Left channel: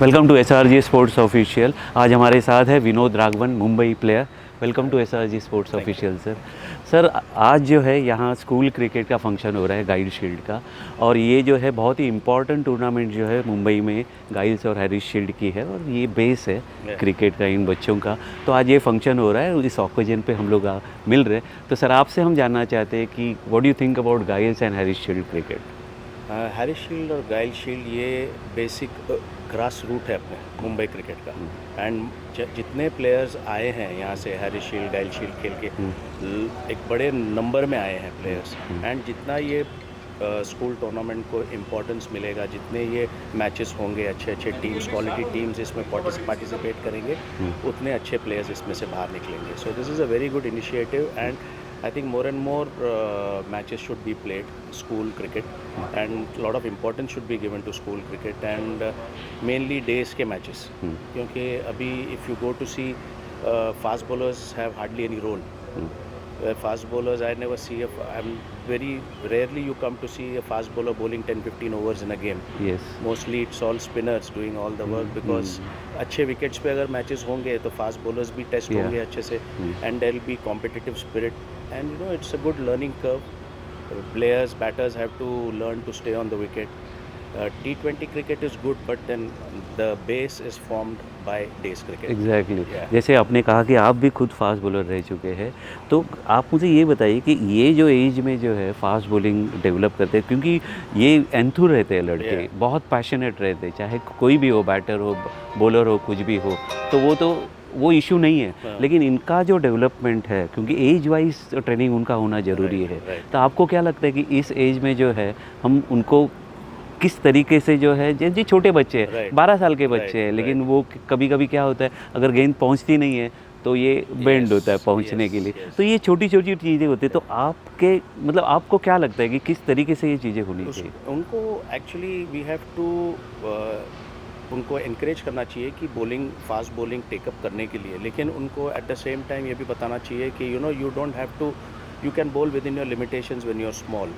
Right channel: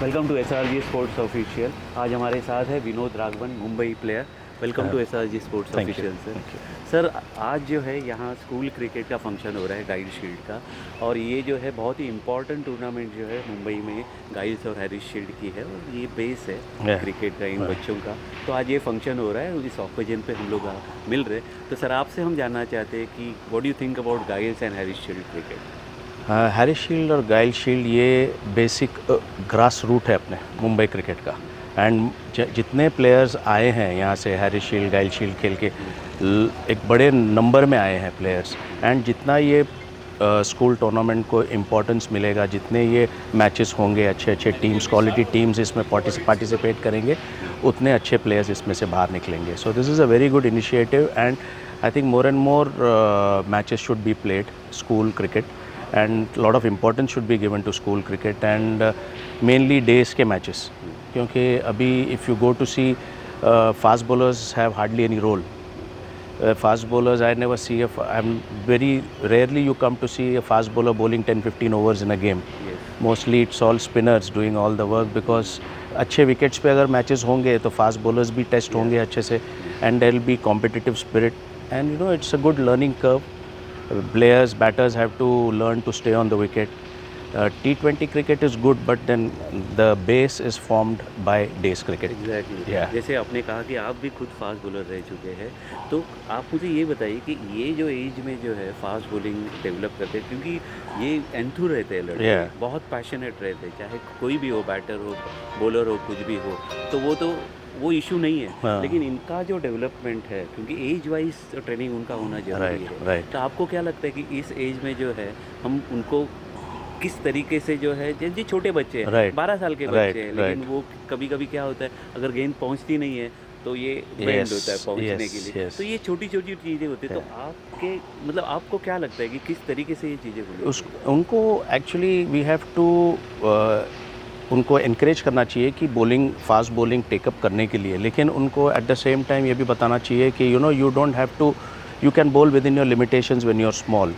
Welcome to SRG sports official. आज हमारे साथ है Vinod Raghavan, Mumbai player. Welcome to SRG sports official sir. Sir आज जो है यहाँ स्कूल क्रिकेट का फंक्शन हो रहा है गाइल शील्ड का, और ये जो है बहुत ही इम्पॉर्टेंट टूर्नामेंट जो है मुंबई में गाइल्स और हैरिस शील्ड की है, और ये बेस है क्रिकेट का इन बच्चों का। तो आज ये फंक्शन हो रहा है, इस ऑकेजन पे हम लोग मिल रहे हैं। तो सर आपसे हम जानना चाहते हैं कि what do you think about Giles and Harris shield cricket? Harris shield और गाइल शील्ड ये बेसिक ग्रास रूट है अपने मुंबई क्रिकेट का। एंड जितने प्लेयर्स आए हैं यहाँ से हैरिस शील्ड गाइल शील्ड खेल के एक बड़े नंबर में आए हैं प्लेयर्स। एंड जितना ये स्कूल टूर्नामेंट को इम्पोर्टेंस मिलेगा, जितने ये मैचेस होंगे, अच्छे अच्छे टीम्स, क्वालिटी टीम्स इसमें पार्टिसिपेट करेंगे, उतने अच्छे प्लेयर्स इसमें से बाहर निकलेंगे। So this is a very good initiative and I think more and more matches should be played, school cricket, and a lot of importance should be given to school cricket and mainly days के matches. क्योंकि अभी if you go to see fast bowlers have hardly any role. Fast bowlers I never see I'm very rarely you come to see a fast bowler bowling 10-15 overs in a game. Yes. Mostly it's all spinners doing all the work because अच्छे wickets पे अगर matches होंगे तो fast bowlers भी test होंगे अच्छे से, and there will be competitive spirit and you know it's a good learning curve. Players, batters have to learn to stay on the wicket. T20 cricket is good, but then the base is formed by days cricket. Exactly जैसे आपने कहा कि आप भी खुद fast bowler रह चुके हैं, तो आप मुझे ये बताइए कि ये जो एज में जो है फास्ट बॉलिंग डेवलप करते हैं, क्योंकि ये एंथुर रहते हैं लड़के, बहुत पैशनेट रहते हैं, चाहे कोई भी हो, बैटर हो, बॉलर हो, कुछ भी हो, तो वो इशू नहीं है। लेकिन इनका जो डेवलपमेंट है, क्योंकि एज वाइज ट्रेनिंग उनका होना ज़रूरी है। तो आपको क्या लगता है कि इस एज में जो है हम उनको किस तरीके से जो है, जी छोटे बच्चे हैं, 12 साल के बच्चे हैं, लेकिन वो कभी कभी क्या होता है, अगर गेंद पहुंचती नहीं है तो ये बेंड होता है पहुंचने के लिए। तो ये छोटी छोटी चीज़ें होती है। तो आपके मतलब आपको क्या लगता है कि किस तरीके से ये चीज़ें होनी चाहिए? उनको एक्चुअली वी हैव टू उनको इनक्रेज करना चाहिए कि बॉलिंग, फास्ट बॉलिंग टेकअप करने के लिए, लेकिन उनको एट द सेम टाइम ये भी बताना चाहिए कि you don't have to, you can bowl within your limitations when you are small.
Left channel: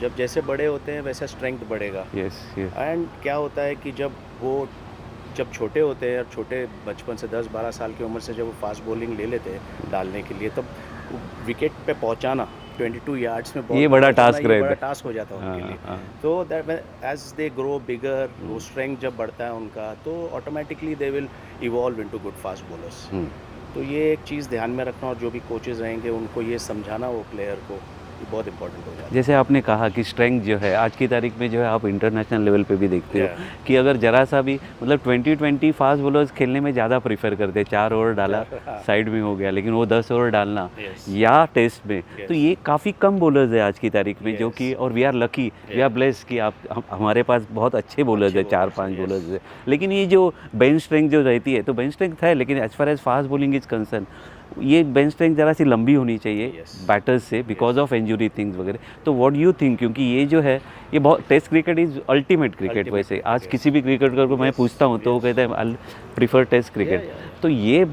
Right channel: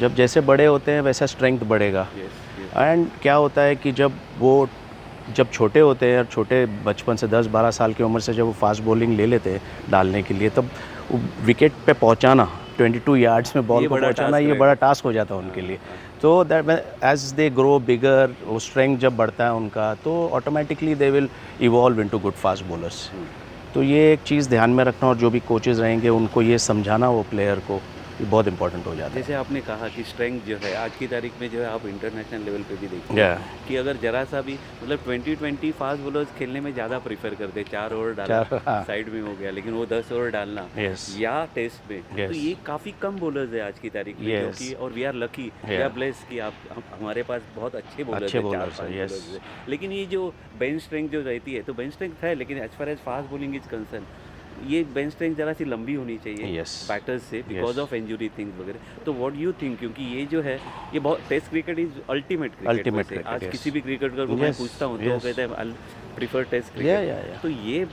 जब जैसे बड़े होते हैं वैसा स्ट्रेंथ बढ़ेगा. एंड क्या होता है कि जब छोटे होते हैं और छोटे बचपन से 10-12 साल की उम्र से जब वो फास्ट बॉलिंग ले लेते हैं डालने के लिए, तब विकेट पे पहुंचाना 22 यार्ड्स में बॉल, ये बड़ा टास्क हो जाता है उनके लिए. तो दैट एज दे ग्रो बिगर, वो स्ट्रेंथ जब बढ़ता है उनका, तो automatically they will evolve into good fast bowlers. तो ये एक चीज़ ध्यान में रखना, और जो भी कोचेज़ रहेंगे उनको ये समझाना वो प्लेयर को, ये बहुत इंपॉर्टेंट हो जाता है. जैसे आपने कहा कि स्ट्रेंथ जो है आज की तारीख में जो है, आप इंटरनेशनल लेवल पे भी देखते हैं कि अगर जरा सा भी मतलब 20-20 फास्ट बॉलर्स खेलने में ज़्यादा प्रीफर करते हैं. 4 ओवर डाला साइड में हो गया, लेकिन वो 10 ओवर डालना या टेस्ट में, तो ये काफ़ी कम बॉलर्स है आज की तारीख में, जो कि, और we are lucky, we are bless कि हमारे पास बहुत अच्छे बॉलर्स है, 4-5 बॉलर्स है. लेकिन ये जो बेंच स्ट्रेंथ जो रहती है, तो बेंच स्ट्रेंथ है, लेकिन as far as fast bowling is concern, ये बेंच स्ट्रेंथ ज़रा सी लंबी होनी चाहिए बैटर्स से, बिकॉज ऑफ इंजरी थिंग्स वगैरह. तो व्हाट यू थिंक, क्योंकि ये जो है ये बहुत, test cricket is ultimate cricket. वैसे आज किसी भी क्रिकेटर को मैं पूछता हूँ तो वो कहता है आई प्रीफर टेस्ट क्रिकेट. तो ये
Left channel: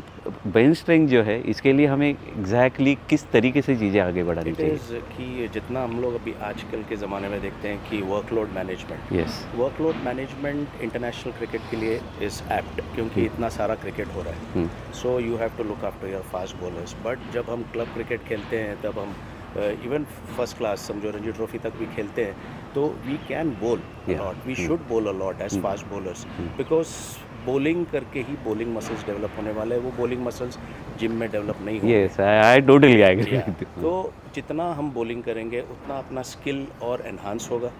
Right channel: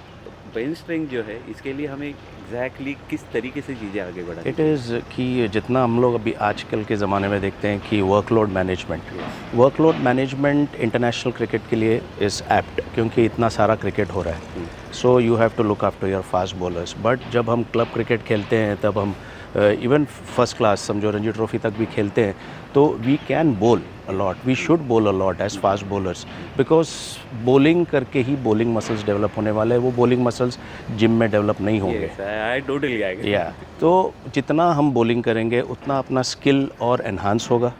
बेंच स्ट्रेंथ जो है, इसके लिए हमें एग्जैक्टली किस तरीके से चीज़ें आगे बढ़ानी चाहिए? इट इज़ कि जितना हम लोग अभी आजकल के ज़माने में देखते हैं कि वर्कलोड मैनेजमेंट इंटरनेशनल क्रिकेट के लिए इज़ एप्ट, क्योंकि इतना सारा क्रिकेट हो रहा है. So you have to look after your fast bowlers. But जब हम क्लब क्रिकेट खेलते हैं, तब हम इवन फर्स्ट क्लास समझो रणजी ट्रॉफी तक भी खेलते हैं, तो वी कैन बोल a lot, we should bowl a lot as fast bowlers, because bowling करके ही bowling muscles डेवलप होने वाले हैं. वो bowling muscles जिम में डेवलप नहीं होंगे. Yes, I totally agree. तो जितना हम bowling करेंगे उतना अपना स्किल और एनहांस होगा,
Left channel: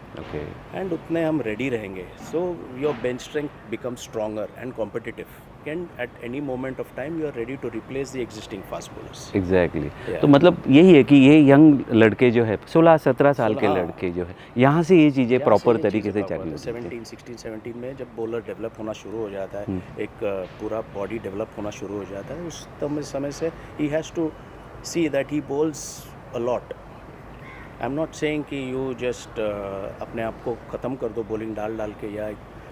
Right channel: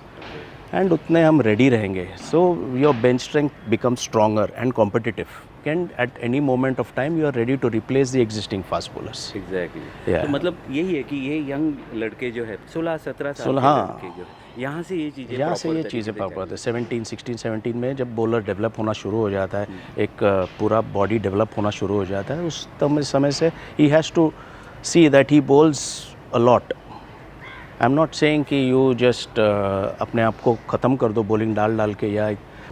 एंड उतने हम रेडी रहेंगे. So your bench strength become stronger and competitive, and at any moment of time you are ready to replace the existing fast bowlers. Exactly. तो मतलब यही है कि ये यंग लड़के जो है, 16-17 साल के लड़के जो है, यहाँ से ये चीज़ें प्रॉपर तरीके से चलती है. 16-17 में जब बॉलर डेवलप होना शुरू हो जाता है, एक पूरा बॉडी डेवलप होना शुरू हो जाता है, उस समय से ही has to see that he bowls a lot. I am not saying कि यू जस्ट अपने आप को ख़त्म कर दो बॉलिंग डाल के, या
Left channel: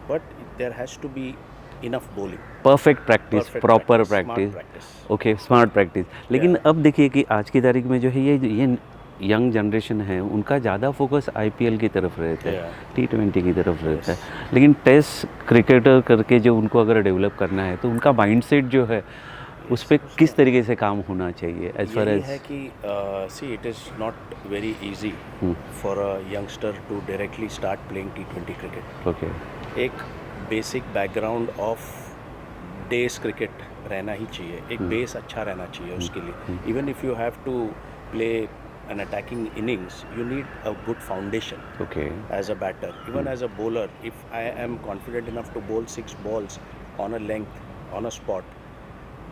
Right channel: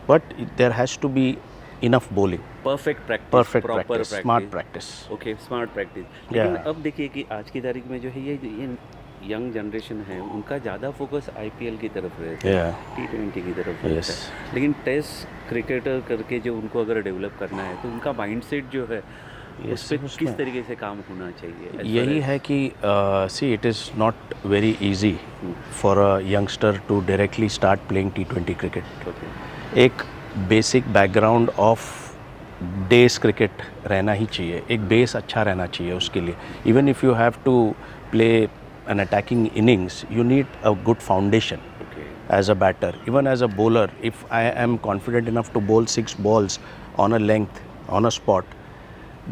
but there has to be enough bowling, perfect practice, proper smart practice. Okay, smart practice. लेकिन अब देखिए कि आज की तारीख में जो है ये यंग जनरेशन है उनका ज़्यादा फोकस आईपीएल की तरफ रहता है, Yeah. T20 की तरफ रहता है, लेकिन टेस्ट क्रिकेटर करके जो उनको अगर डेवलप करना है तो उनका माइंडसेट जो है उस पर किस तरीके से काम होना चाहिए? as far यही as- है कि see it is not very easy for a youngster to directly start playing T20 cricket. Okay, एक basic background of days cricket रहना ही चाहिए, एक बेस अच्छा रहना चाहिए उसके लिए। Even if you have to play an attacking innings you need a good foundation okay, as a batter. Even as a bowler, if I am confident enough to bowl 6 balls on a length, on a spot,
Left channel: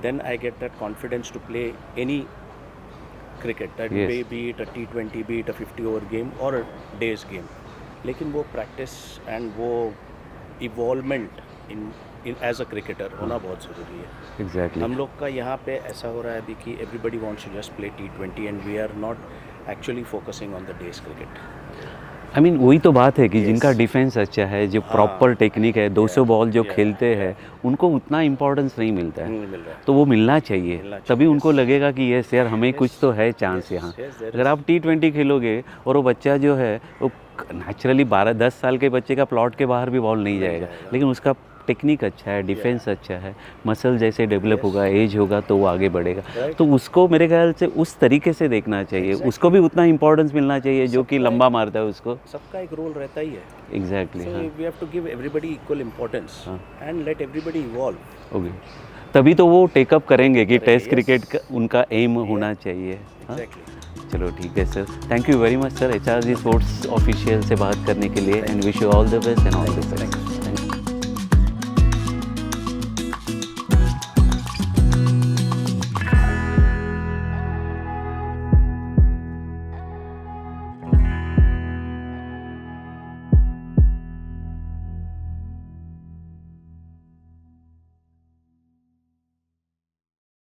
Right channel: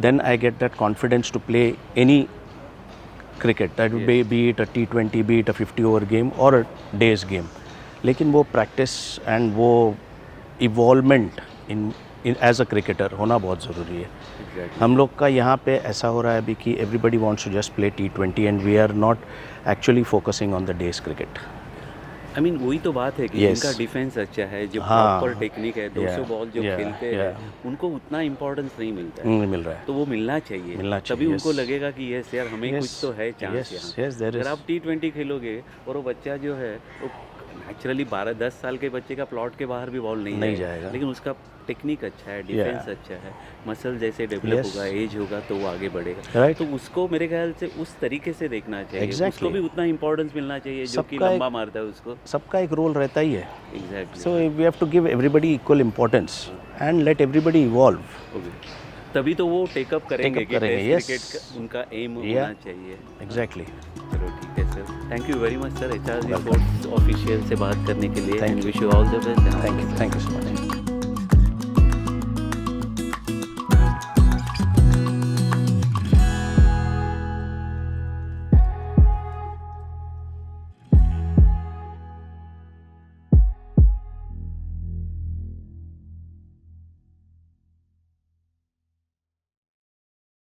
then I get that confidence to play any cricket, that Yes. be it a T20, be it a 50 over game or a day's game. लेकिन वो practice and वो evolvement in as a cricketer होना बहुत ज़रूरी है। Exactly. हम लोग का यहाँ पे ऐसा हो रहा है अभी कि everybody wants to just play T20 and we are not actually focusing on the days cricket. I mean वही तो बात है कि Yes. जिनका डिफेंस अच्छा है, जो हाँ। प्रॉपर टेक्निक है, 200 बॉल जो Yeah, खेलते हैं, yeah. उनको उतना इम्पोर्टेंस नहीं मिलता है, मिल रहा है। तो वो मिलना चाहिए, मिलना तभी चाहिए, उनको yes. लगेगा कि यस यार हमें Yes, कुछ तो है चांस yes, यहाँ। yes, there अगर is. आप T20 खेलोगे और वो बच्चा जो है वो नेचुरली 12-10 साल के बच्चे का प्लॉट के बाहर भी बॉल नहीं नहीं जाएगा, जाएगा। लेकिन उसका टेक्निक अच्छा है, डिफेंस अच्छा है, मसल जैसे डेवलप Yes. होगा, एज होगा तो वो आगे बढ़ेगा। Right. तो उसको मेरे ख्याल से उस तरीके से देखना चाहिए, Exactly. उसको भी उतना इंपॉर्टेंस मिलना चाहिए जो कि सबका एक- लंबा मारता है उसको। सबका एक रोल रहता ही है। Exactly. So we have to give everybody equal importance and let everybody evolve. Okay, तभी तो वो टेकअप करेंगे कि करेंगे, टेस्ट क्रिकेट yes. का उनका एम होना चाहिए। Exactly. चलो ठीक है sir, thank you very much sir HRG sports official से बात करने के लिए, and wish you all the best. Thank you.